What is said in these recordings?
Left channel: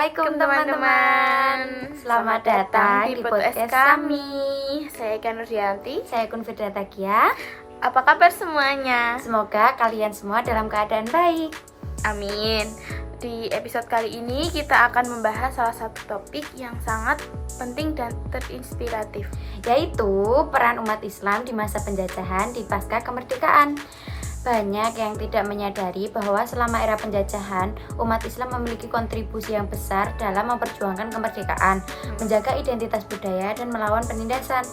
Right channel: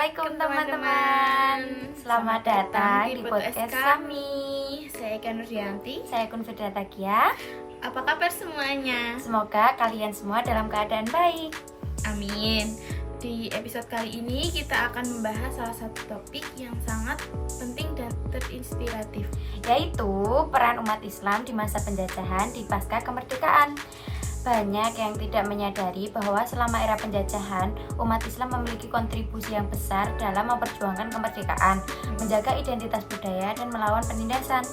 Assalamualaikum teman-teman. Selamat datang di podcast kami. Saya Eka Nurdianti. Saya Kunfidra Tagia. Apa kabar semuanya? Semoga kalian semua dalam keadaan baik. Amin. Di episode kali ini kita akan membahas salah satu topik yang sangat penting dan terinspiratif, yaitu peran umat Islam di masa penjajahan di pasca kemerdekaan. Banyak yang tidak menyadari bahwa selama era penjajahan, umat Islam memiliki kontribusi yang besar dalam memperjuangkan kemerdekaan, menjaga identitas budaya, dan melawan penindasan.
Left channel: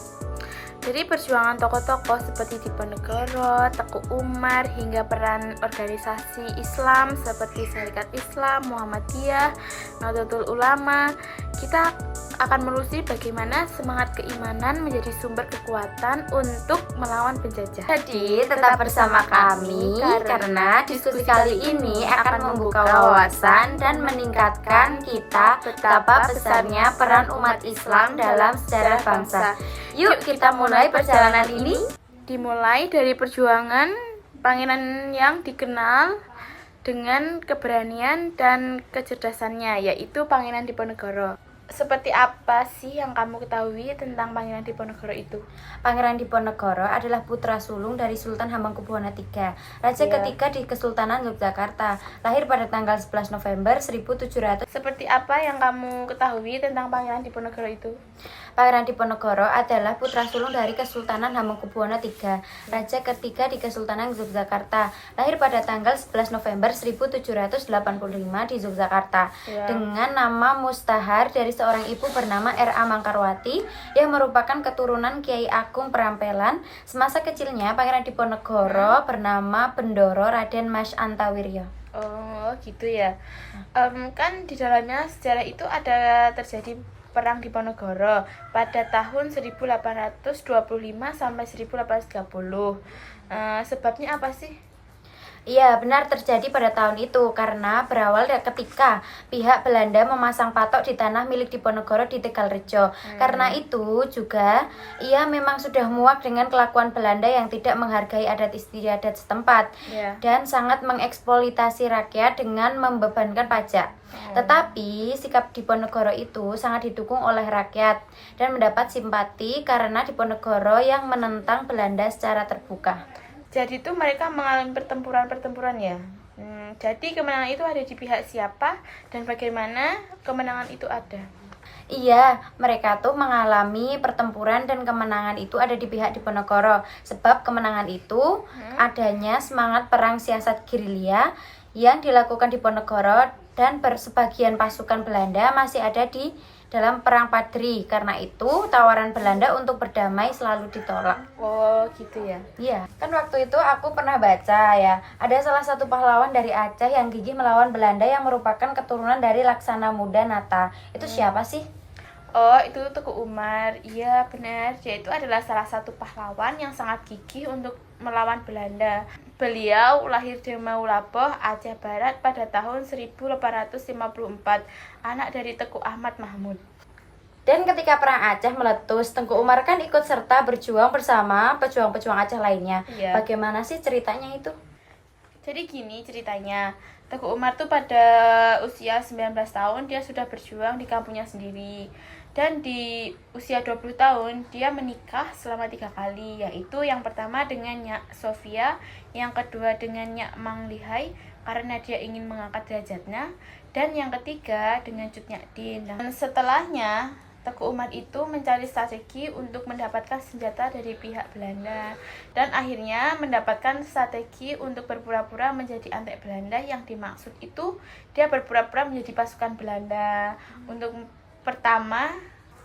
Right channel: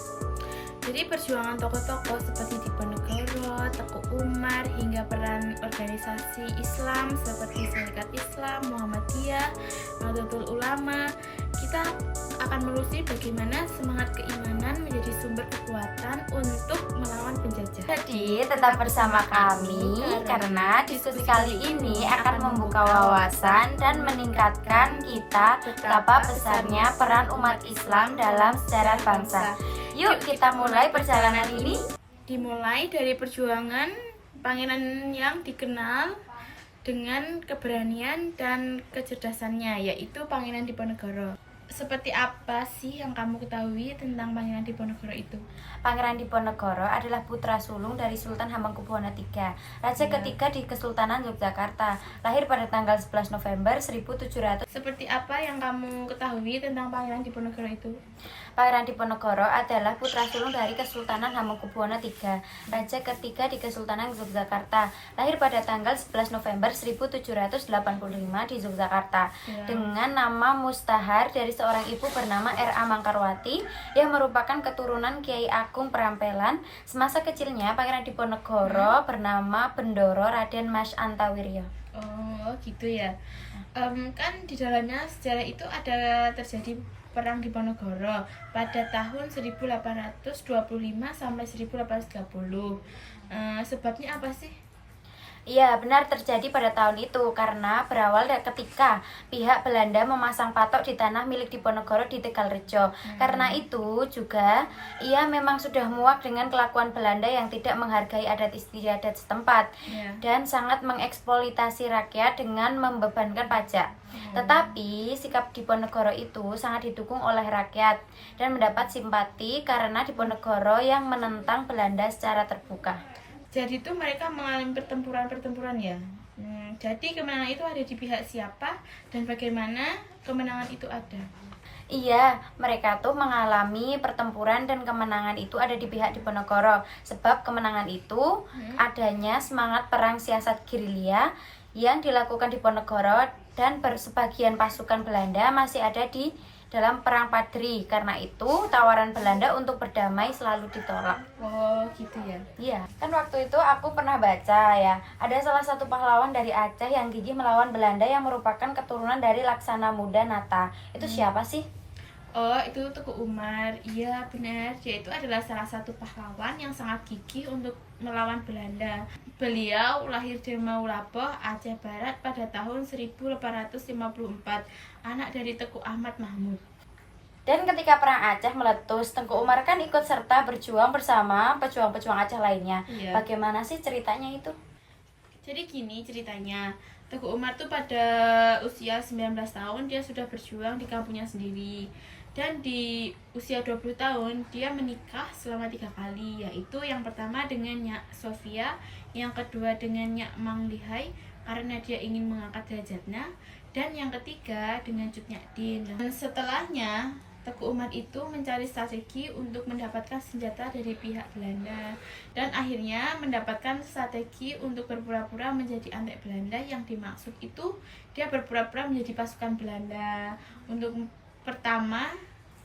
Jadi perjuangan tokoh-tokoh seperti Diponegoro, Teku Umar, hingga peran organisasi Islam seperti Syarikat Islam, Muhammadiyah, Nahdlatul Ulama, kita akan menelusuri bagaimana semangat keimanan menjadi sumber kekuatan untuk melawan penjajah. Jadi tetap bersama kami karena diskusi kali ini akan membuka wawasan dan meningkatkan kita betapa besarnya peran umat Islam dalam sejarah bangsa. Yuk kita mulai perjalanan ini. Dimulai dari perjuangan pangeran yang dikenal dengan keberanian dan kecerdasannya, yaitu Pangeran Diponegoro. Seperti apa sih yang kamu ketahui tentang Pangeran Diponegoro itu? Pangeran Diponegoro adalah putra sulung dari Sultan Hamengkubuwono III, raja ketiga di Kesultanan Yogyakarta, lahir pada tanggal 11 November 1700. Seperti apa yang kamu ketahui tentang Pangeran Diponegoro itu? Pangeran Diponegoro adalah putra sulung dari Kesultanan Hamengkubuwono III, raja ketiga di Kesultanan Yogyakarta, lahir pada tanggal 11 November 1785 di Yogyakarta, dengan nama mustahar dari seorang ibu bernama R.A. Mangkarwati yang merupakan keturunan Kiai Agung Perampelan. Semasa kecilnya, Pangeran Diponegoro bernama Bendoro Raden Mas Antawiryo. Oh gitu ya. Kan di dalamnya sejarah itu ada terjadi Perang Diponegoro pada tahun 1825 sampai 1830. Sebabnya apa sih? Iya, benar terjadi pada tahun itu karena berawal dari ketika pihak Belanda memasang patok di tanah milik Diponegoro di Tegalrejo. Karena itu juga ia memang sudah muak dengan kelakuan Belanda yang tidak menghargai adat istiadat setempat dan sangat mengeksploitasi rakyat dengan membebankan pajak. Tetapi sikap Diponegoro itu sangat didukung oleh rakyat dan mendapat simpati karena Diponegoro yang menentang Belanda secara terbuka. Jadi itu mereka mengalami pertempuran ya. Jadi kemenangan itu ada di pihak siapa dan bagaimana kemenangan itu ada? Iya, mereka tuh mengalami pertempuran dan kemenangan itu ada di pihak Diponegoro. Sebab kemenangan itu adanya semangat perang siasat gerilya yang dilakukan Diponegoro dan sebagian pasukan Belanda masih ada di dalam perang Padri. Karena itu tawaran Belanda untuk berdamai selalu ditolak. Oh gitu ya. Iya, kan waktu itu aku pernah baca ya, ada salah satu pahlawan dari Aceh yang gigih melawan Belanda yang merupakan keturunan dari Laksana Muda Nata. Itu siapa sih? Oh, itu Teku Umar. Iya, benar. Dia itu adalah salah satu pahlawan yang sangat gigih untuk melawan Belanda. Beliau lahir di Maulaboh, Aceh Barat pada tahun 1854, anak dari Teku Ahmad Mahmud. Dan ketika perang Aceh meletus, Tengku Umar kan ikut serta berjuang bersama pejuang-pejuang Aceh lainnya. Bagaimana sih ceritanya itu? Jadi gini ceritanya. Teku Umar tuh pada usia 19 tahun dia sudah berjuang di kampungnya sendiri. Dan di usia 20 tahun dia menikah selama 3 kali, yaitu yang pertama dengan Nyak Sofia, yang kedua dengan Nyak Mang Lihai karena dia ingin mengangkat derajatnya, dan yang ketiga dengan Cut Nyak Din. Dan setelahnya Teku Umar itu mencari strategi untuk mendapatkan senjata dari pihak Belanda dan akhirnya mendapatkan strategi untuk berpura-pura menjadi antek Belanda. Yang dimaksud itu dia berpura-pura menjadi pasukan Belanda untuk pertama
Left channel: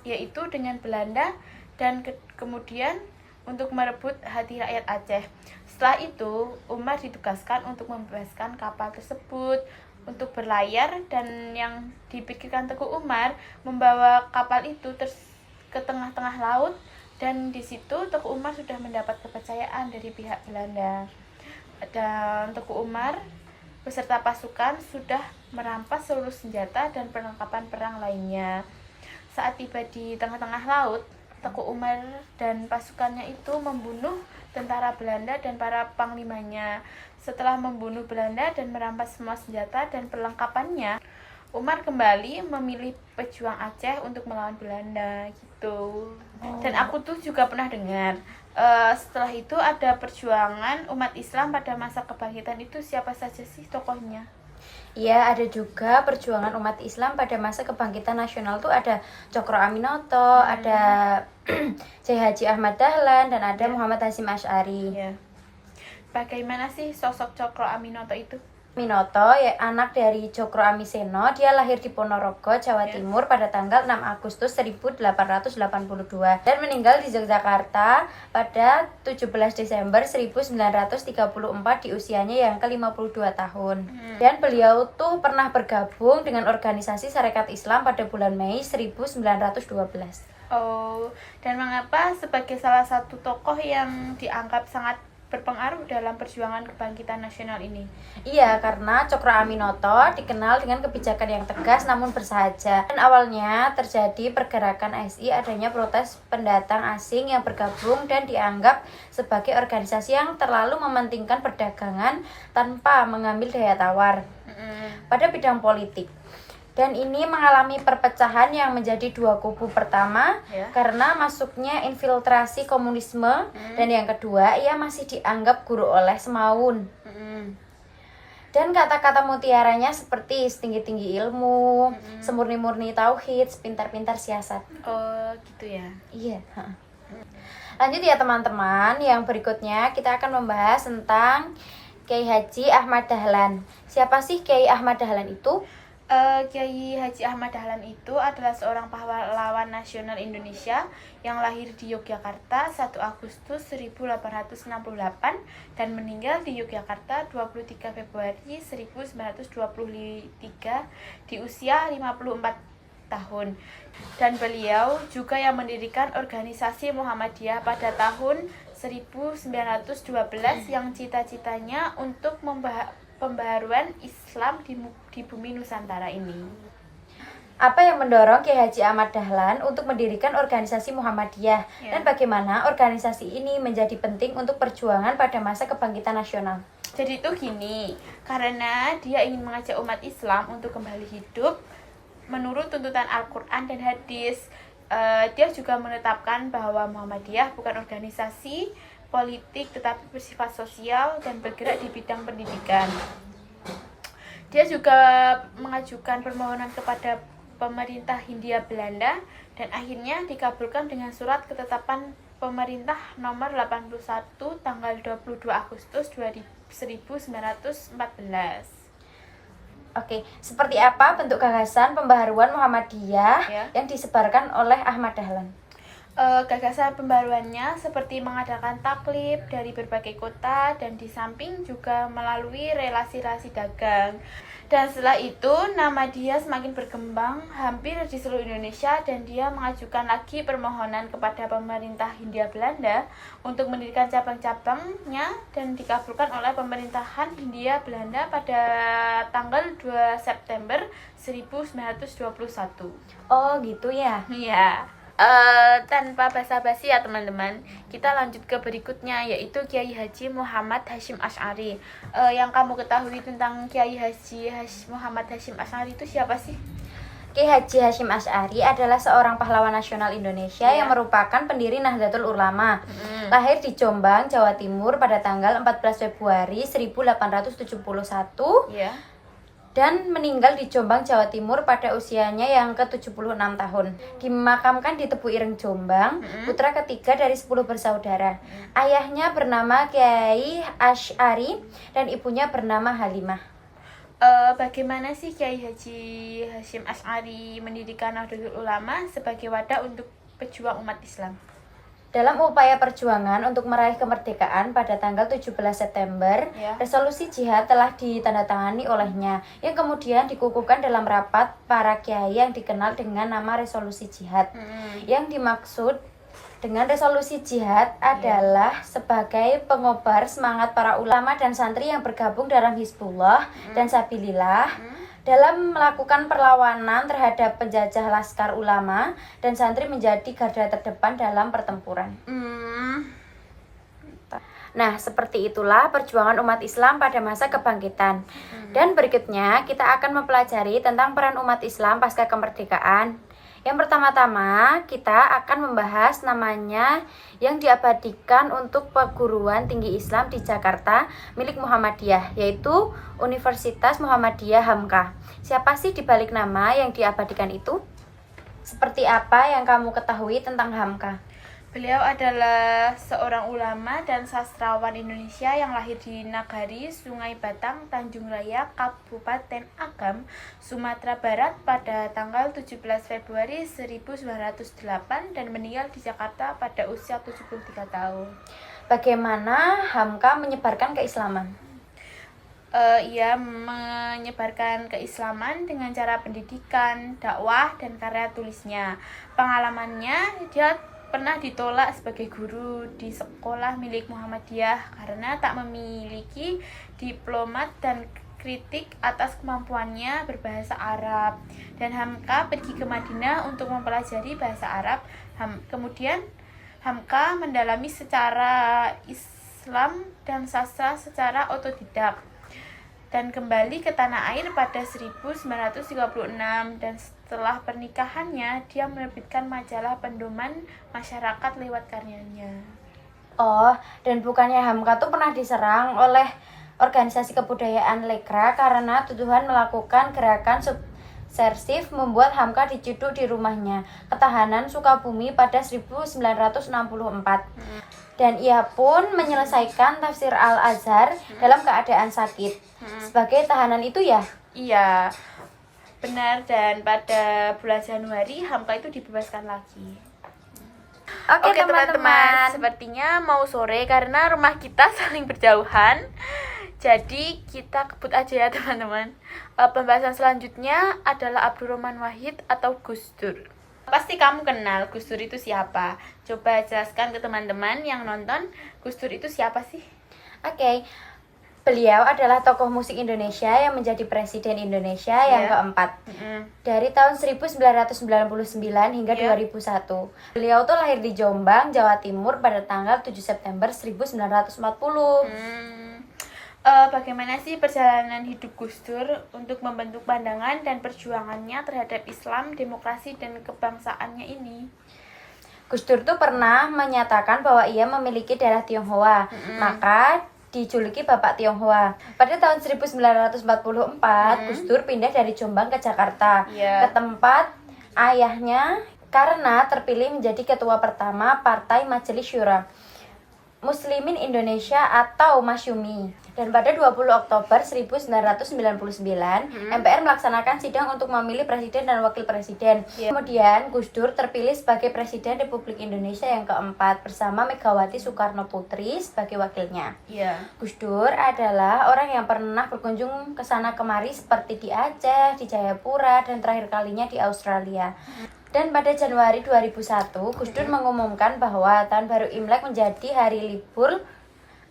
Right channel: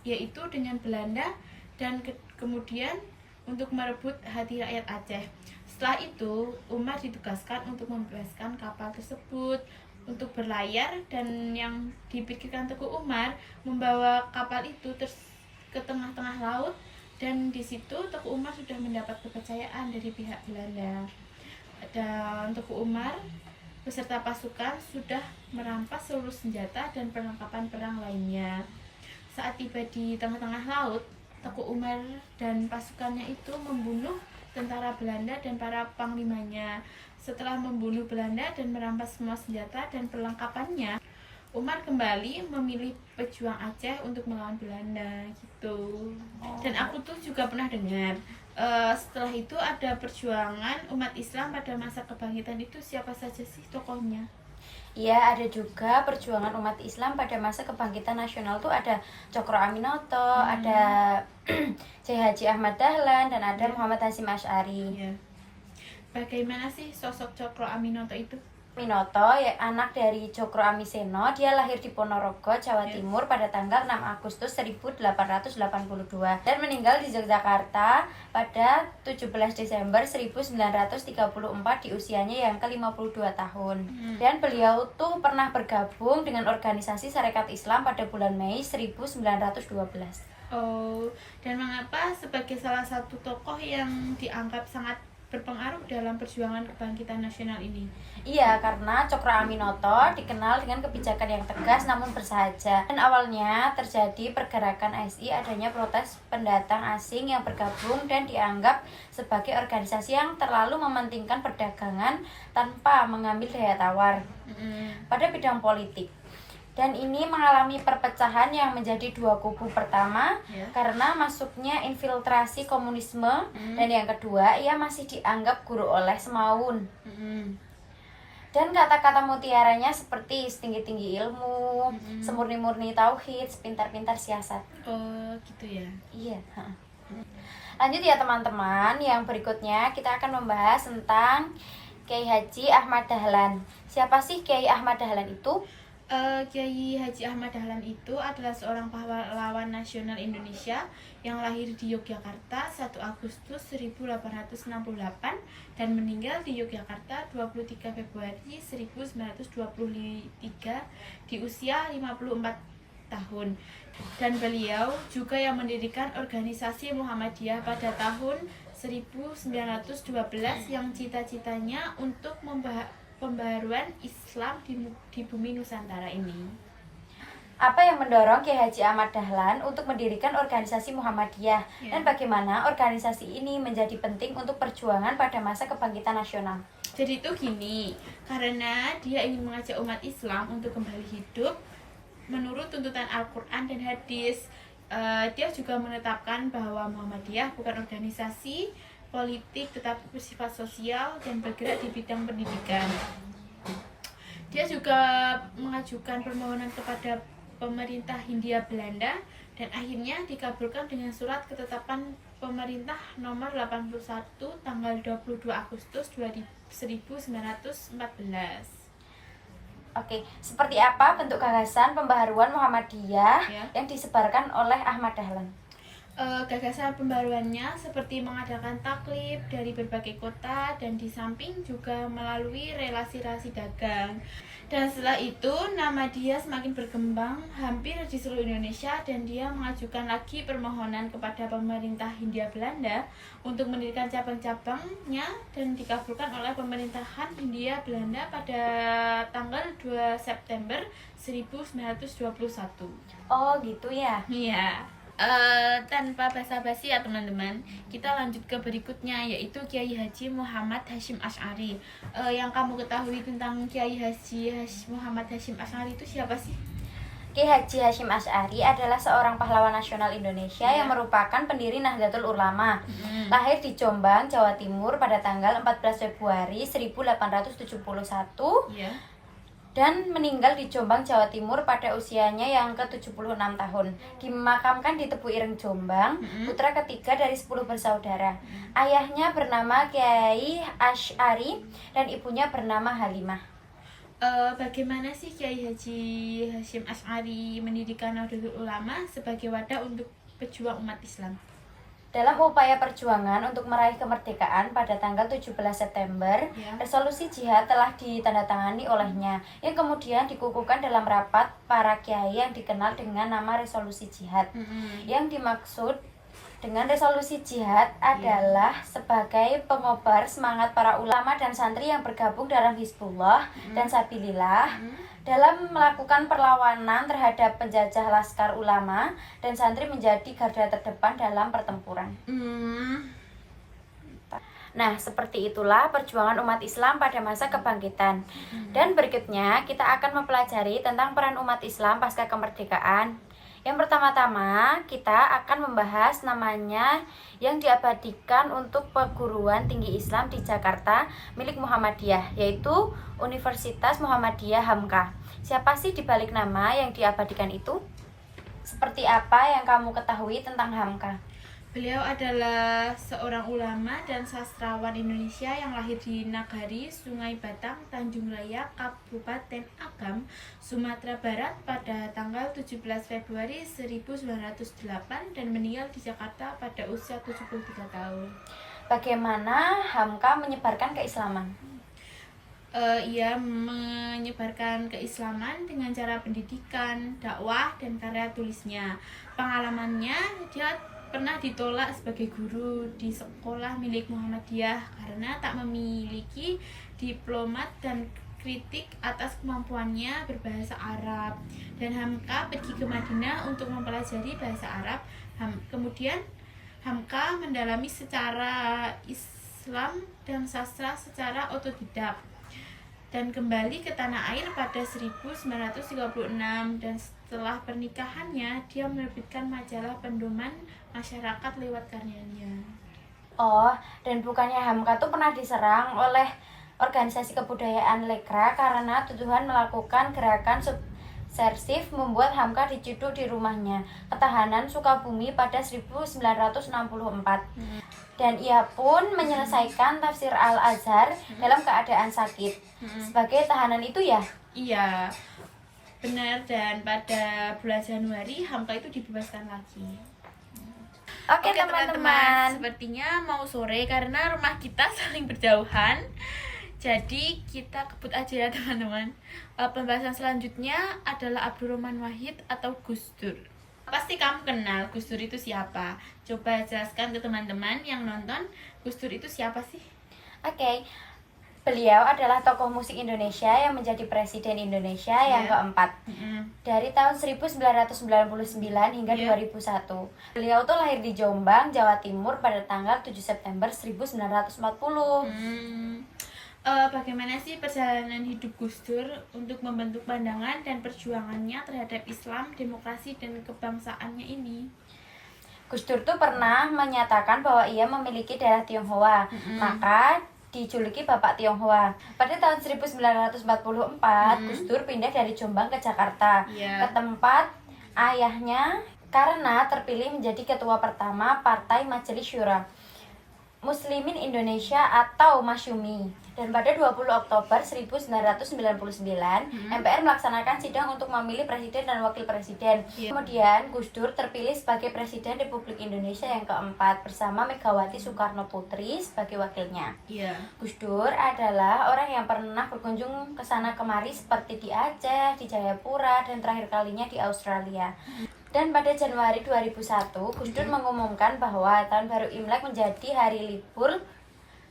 yaitu dengan Belanda dan kemudian untuk merebut hati rakyat Aceh. Setelah itu Umar ditugaskan untuk membebaskan kapal tersebut untuk berlayar, dan yang dipikirkan Teku Umar membawa kapal itu ke tengah-tengah laut, dan di situ Teku Umar sudah mendapat kepercayaan dari pihak Belanda. Dan Teku Umar beserta pasukan sudah merampas seluruh senjata dan perlengkapan perang lainnya. Saat tiba di tengah-tengah laut, Teku Umar dan pasukannya itu membunuh tentara Belanda dan para panglimanya. Setelah membunuh Belanda dan merampas semua senjata dan perlengkapannya, Umar kembali memilih pejuang Aceh untuk melawan Belanda gitu. Dan aku tuh juga pernah dengar setelah itu ada perjuangan umat Islam pada masa kebangkitan itu, siapa saja sih tokohnya? Iya, ada juga perjuangan umat Islam pada masa kebangkitan nasional tuh ada Cokro Aminoto, ada Haji Ahmad Dahlan, dan ada Muhammad Hasyim Asy'ari. Ya. Bagaimana sih sosok Cokro Aminoto itu? Minoto ya anak dari Cokro Amiseno. Dia lahir di Ponorogo, Jawa Timur pada tanggal 6 Agustus 1882 dan meninggal di Yogyakarta pada 17 Desember 1934 di usianya yang ke-52 tahun. Dan beliau tuh pernah bergabung dengan organisasi Sarekat Islam pada bulan Mei 1912. Oh, dan mengapa sebagai salah satu tokoh yang dianggap sangat berpengaruh dalam perjuangan kebangkitan nasional ini? Iya, karena Cokro Aminoto dikenal dengan kebijakan yang tegas namun bersahaja. Dan awalnya terjadi pergerakan ASI adanya protes pendatang asing yang bergabung dan dianggap sebagai organisasi yang terlalu mementingkan perdagangan tanpa mengambil daya tawar pada bidang politik. Dan ini mengalami perpecahan yang menjadi dua kubu. Pertama, karena masuknya infiltrasi komunisme, dan yang kedua, ia masih dianggap guru oleh Semaun. Dan kata-kata mutiaranya seperti setinggi-tinggi ilmu, semurni-murni tauhid, sepintar-pintar siasat. Oh, gitu ya. Iya. Lanjut ya teman-teman, yang berikutnya kita akan membahas tentang Kiai Haji Ahmad Dahlan. Siapa sih Kiai Ahmad Dahlan itu? Kiai Haji Ahmad Dahlan itu adalah seorang pahlawan nasional Indonesia yang lahir di Yogyakarta 1 Agustus 1868 dan meninggal di Yogyakarta 23 Februari 1923 di usia 54 tahun. Dan beliau juga yang mendirikan organisasi Muhammadiyah pada tahun 1912 yang cita-citanya untuk pembaharuan Islam di bumi Nusantara ini. Apa yang mendorong Kiai Haji Ahmad Dahlan untuk mendirikan organisasi Muhammadiyah dan bagaimana organisasi ini menjadi penting untuk perjuangan pada masa kebangkitan nasional? Jadi itu gini, karena dia ingin mengajak umat Islam untuk kembali hidup menurut tuntutan Al-Quran dan hadis. Dia juga menetapkan bahwa Muhammadiyah bukan organisasi politik tetapi bersifat sosial dan bergerak di bidang pendidikan. Dia juga mengajukan permohonan kepada pemerintah Hindia Belanda dan akhirnya dikabulkan dengan surat ketetapan pemerintah nomor 81 tanggal 22 Agustus 1914. Oke, seperti apa bentuk gagasan pembaharuan Muhammadiyah yang disebarkan oleh Ahmad Dahlan? Gagasan pembaruannya seperti mengadakan taklif dari berbagai kota dan di samping juga melalui relasi-relasi dagang. Dan setelah itu nama dia semakin berkembang hampir di seluruh Indonesia dan dia mengajukan lagi permohonan kepada pemerintah Hindia Belanda untuk mendirikan cabang-cabangnya dan dikabulkan oleh pemerintahan Hindia Belanda pada tanggal 2 September 1921. Oh gitu ya? Iya. Tanpa basa-basi ya teman-teman, kita lanjut ke berikutnya yaitu Kiai Haji Muhammad Hasyim Asy'ari. Yang kamu ketahui tentang Kiai Haji Muhammad Hasyim Asy'ari itu siapa sih? Kiai Haji Hasyim Asy'ari adalah seorang pahlawan nasional Indonesia yang merupakan pendiri Nahdlatul Ulama. Lahir di Jombang, Jawa Timur pada tanggal 14 Februari 1871. Dan meninggal di Jombang, Jawa Timur pada usianya yang ke-76 tahun. Dimakamkan di Tebu Ireng, Jombang, putra ketiga dari 10 bersaudara. Ayahnya bernama Kiai Asy'ari dan ibunya bernama Halimah. Bagaimana sih Kiai Haji Hasyim Asy'ari mendirikan Nahdlatul Ulama sebagai wadah untuk pejuang umat Islam? Dalam upaya perjuangan untuk meraih kemerdekaan pada tanggal 17 September, resolusi jihad telah ditandatangani olehnya, yang kemudian dikukuhkan dalam rapat para kiai yang dikenal dengan nama resolusi jihad. Yang dimaksud dengan resolusi jihad adalah sebagai pengobar semangat para ulama dan santri yang bergabung dalam Hizbullah dan Sabilillah dalam melakukan perlawanan terhadap penjajah laskar ulama dan santri menjadi garda terdepan dalam pertempuran. Nah, seperti itulah perjuangan umat Islam pada masa kebangkitan. Dan berikutnya kita akan mempelajari tentang peran umat Islam pasca kemerdekaan. Yang pertama-tama kita akan membahas namanya yang diabadikan untuk perguruan tinggi Islam di Jakarta milik Muhammadiyah, yaitu Universitas Muhammadiyah Hamka. Siapa sih dibalik nama yang diabadikan itu? Seperti apa yang kamu ketahui tentang Hamka? Beliau adalah seorang ulama dan sastrawan Indonesia yang lahir di Nagari, Sungai Batang, Tanjung Raya, Kabupaten Agam, Sumatera Barat pada tanggal 17 Februari 1908 dan meninggal di Jakarta pada usia 73 tahun. Bagaimana Hamka menyebarkan keislaman? Ia menyebarkan keislaman dengan cara pendidikan, dakwah, dan karya tulisnya. Pengalamannya, dia pernah ditolak sebagai guru di sekolah milik Muhammadiyah karena tak memiliki diplomat dan kritik atas kemampuannya berbahasa Arab. Dan Hamka pergi ke Madinah untuk mempelajari bahasa Arab. Kemudian Hamka mendalami secara Islam dan sastra secara otodidak dan kembali ke tanah air pada 1936, dan setelah pernikahannya dia menerbitkan majalah Pendoman Masyarakat lewat karyanya. Oh, dan bukannya Hamka tuh pernah diserang oleh organisasi kebudayaan Lekra karena tuduhan melakukan gerakan subversif membuat Hamka diciduk di rumahnya ketahanan Sukabumi pada 1964. Dan ia pun menyelesaikan tafsir Al-Azhar dalam keadaan sakit. Sebagai tahanan itu ya? Iya, benar. Dan pada bulan Januari Hamka itu dibebaskan lagi. Oke teman-teman, sepertinya mau sore karena rumah kita saling berjauhan. Jadi kita kebut aja ya teman-teman. Pembahasan selanjutnya adalah Abdurrahman Wahid atau Gus Dur. Pasti kamu kenal Gus Dur itu siapa? Coba jelaskan ke teman-teman yang nonton, Gus Dur itu siapa sih? Oke. Beliau adalah tokoh musik Indonesia yang menjadi presiden Indonesia yang keempat dari tahun 1999 hingga 2001. Beliau tuh lahir di Jombang, Jawa Timur pada tanggal 7 September 1940. Bagaimana sih perjalanan hidup Gus Dur untuk membentuk pandangan dan perjuangannya terhadap Islam, demokrasi, dan kebangsaannya ini? Gus Dur tuh pernah menyatakan bahwa ia memiliki darah Tionghoa, maka dijuluki Bapak Tionghoa. Pada tahun 1944, Gus Dur pindah dari Jombang ke Jakarta, ke tempat ayahnya karena terpilih menjadi ketua pertama Partai Majelis Syura Muslimin Indonesia atau Masyumi. Dan pada 20 Oktober 1999, MPR melaksanakan sidang untuk memilih presiden dan wakil presiden. Kemudian Gus Dur terpilih sebagai Presiden Republik Indonesia yang keempat bersama Megawati Soekarno Putri sebagai wakilnya. Gus Dur adalah orang yang pernah berkunjung ke sana kemari seperti di Aceh, di Jayapura, dan terakhir kalinya di Australia. Dan pada Januari 2001, Gus Dur mengumumkan bahwa Tahun Baru Imlek menjadi hari libur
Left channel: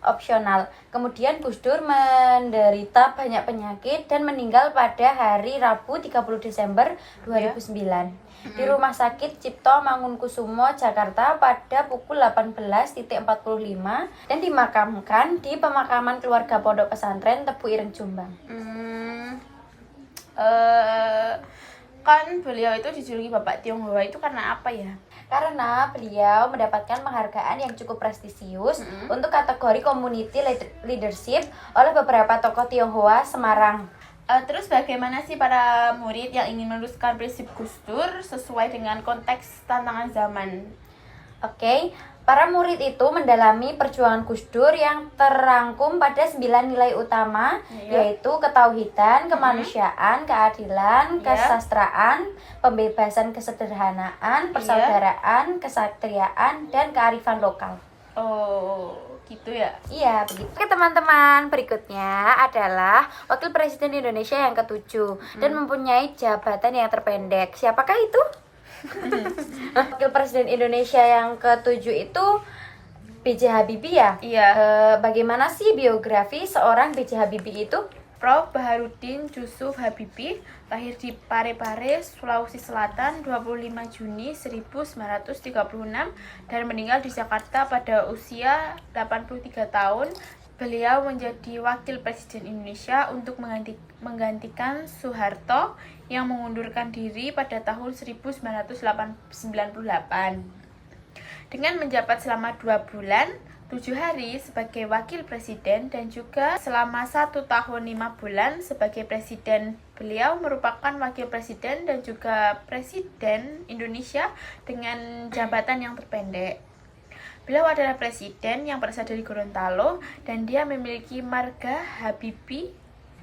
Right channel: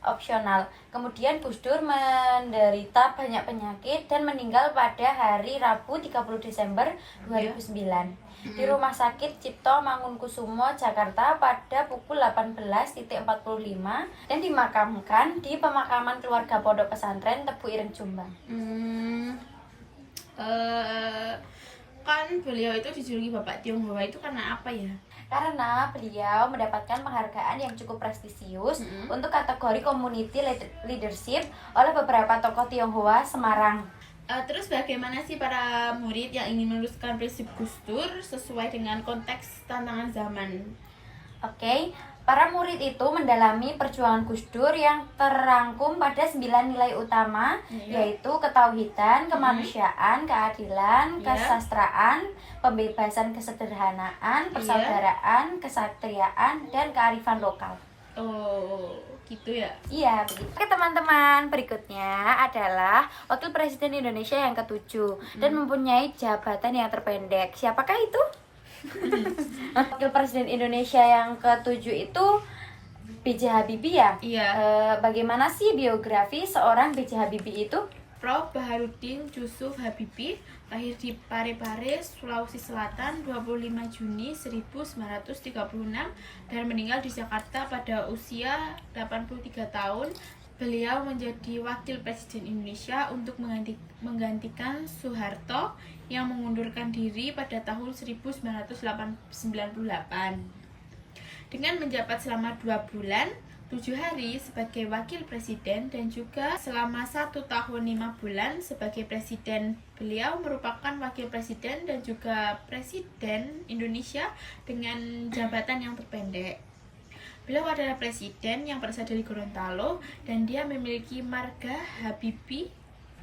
opsional. Kemudian Gus Dur menderita banyak penyakit dan meninggal pada hari Rabu 30 Desember 2009 di Rumah Sakit Cipto Mangunkusumo, Jakarta pada pukul 18.45 dan dimakamkan di pemakaman keluarga Pondok Pesantren Tebu Ireng, Jombang. Kan beliau itu dijuluki Bapak Tionghoa itu karena apa ya? Karena beliau mendapatkan penghargaan yang cukup prestisius untuk kategori community leadership oleh beberapa tokoh Tionghoa Semarang. Terus bagaimana sih para murid yang ingin meneruskan prinsip Gus Dur sesuai dengan konteks tantangan zaman? Oke. Para murid itu mendalami perjuangan Gus Dur yang terangkum pada 9 nilai utama, yaitu ketauhidan, kemanusiaan, keadilan, kesastraan, pembebasan, kesederhanaan, persaudaraan, kesatriaan, dan kearifan lokal. Oh, gitu ya? Iya, begitu. Oke teman-teman, berikutnya adalah Wakil Presiden Indonesia yang ke-7 dan mempunyai jabatan yang terpendek. Siapakah itu? Wakil Presiden Indonesia yang ke-7 itu B.J. Habibie ya? Iya. Bagaimana sih biografi seorang B.J. Habibie itu? Prof. Baharudin Yusuf Habibie lahir di Parepare, Sulawesi Selatan 25 Juni 1936 dan meninggal di Jakarta pada usia 83 tahun. Beliau menjadi wakil presiden Indonesia untuk menggantikan Soeharto yang mengundurkan diri pada tahun 1998. Dengan menjabat selama 2 bulan 7 hari sebagai wakil presiden dan juga selama 1 tahun 5 bulan sebagai presiden. Beliau merupakan wakil presiden dan juga presiden Indonesia dengan jabatan yang terpendek. Beliau adalah presiden yang berasal dari Gorontalo dan dia memiliki marga Habibie.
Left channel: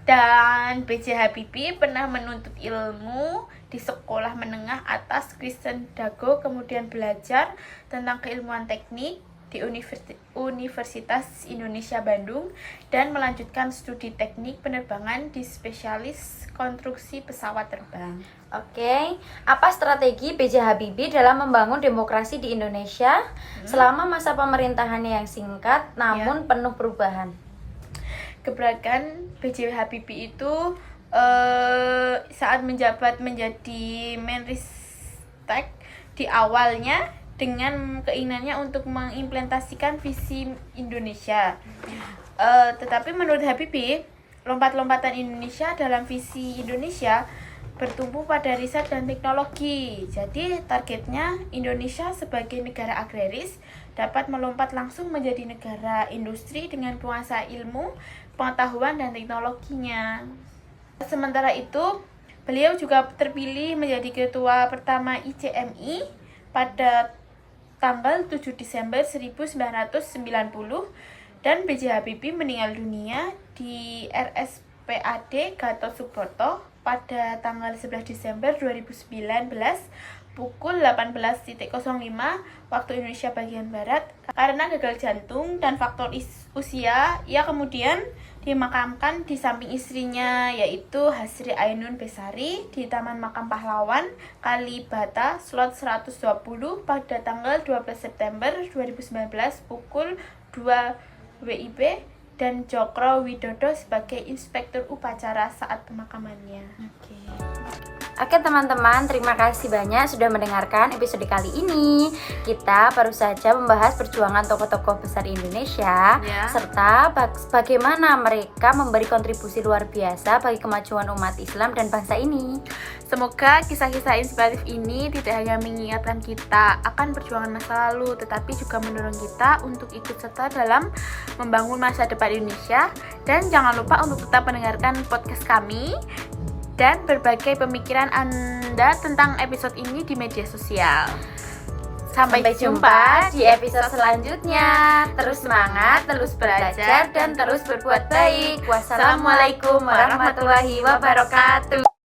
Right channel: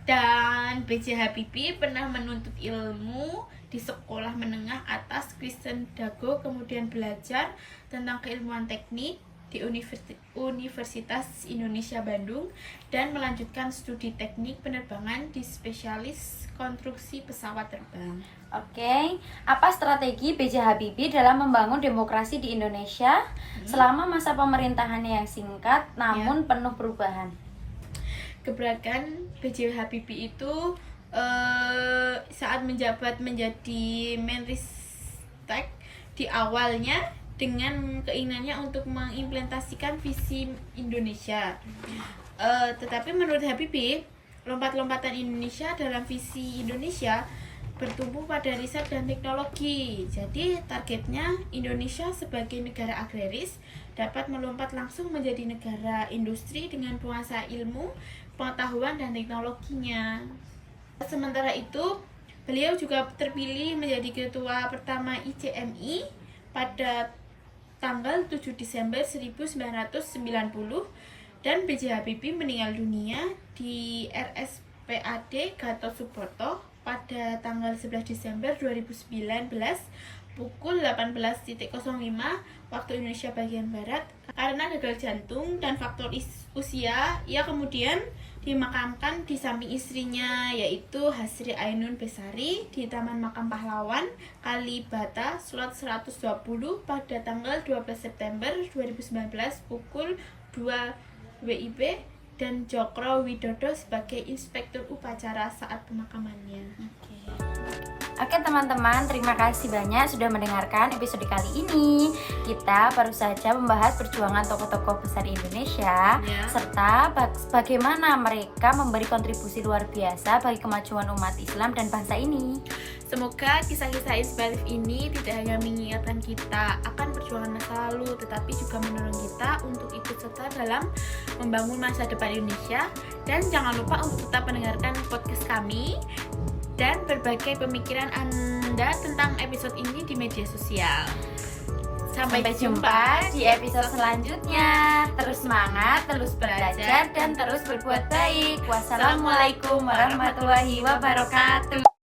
Dan B.J. Habibie pernah menuntut ilmu di sekolah menengah atas Kristen Dago, kemudian belajar tentang keilmuan teknik di Universitas Indonesia Bandung dan melanjutkan studi teknik penerbangan di spesialis konstruksi pesawat terbang. Oke, apa strategi B.J. Habibie dalam membangun demokrasi di Indonesia selama masa pemerintahannya yang singkat namun penuh perubahan? Gebrakan B.J. Habibie itu saat menjabat menjadi Menristek di awalnya dengan keinginannya untuk mengimplementasikan visi Indonesia. Tetapi menurut Habibie, lompat-lompatan Indonesia dalam visi Indonesia bertumbuh pada riset dan teknologi. Jadi targetnya Indonesia sebagai negara agraris dapat melompat langsung menjadi negara industri dengan penguasa ilmu, pengetahuan, dan teknologinya. Sementara itu, beliau juga terpilih menjadi ketua pertama ICMI pada tanggal 7 Desember 1990 dan B.J. Habibie meninggal dunia di RSPAD Gatot Subroto pada tanggal 11 Desember 2019 pukul 18.05 waktu Indonesia bagian Barat karena gagal jantung dan faktor usia. Ia kemudian dimakamkan di samping istrinya yaitu Hasri Ainun Besari di Taman Makam Pahlawan Kalibata Slot 120 pada tanggal 12 September 2019 pukul 2 WIB dan Jokro Widodo sebagai inspektur upacara saat pemakamannya. Oke teman-teman, terima kasih banyak sudah mendengarkan episode kali ini. Kita baru saja membahas perjuangan tokoh-tokoh besar Indonesia serta bagaimana mereka memberi kontribusi luar biasa bagi kemajuan umat Islam dan bangsa ini. Semoga kisah-kisah inspiratif ini tidak hanya mengingatkan kita akan perjuangan masa lalu, tetapi juga mendorong kita untuk ikut serta dalam membangun masa depan Indonesia. Dan jangan lupa untuk tetap mendengarkan podcast kami dan berbagai pemikiran Anda tentang episode ini di media sosial. Sampai jumpa di episode selanjutnya. Terus semangat, terus belajar, dan terus berbuat baik. Wassalamualaikum warahmatullahi wabarakatuh.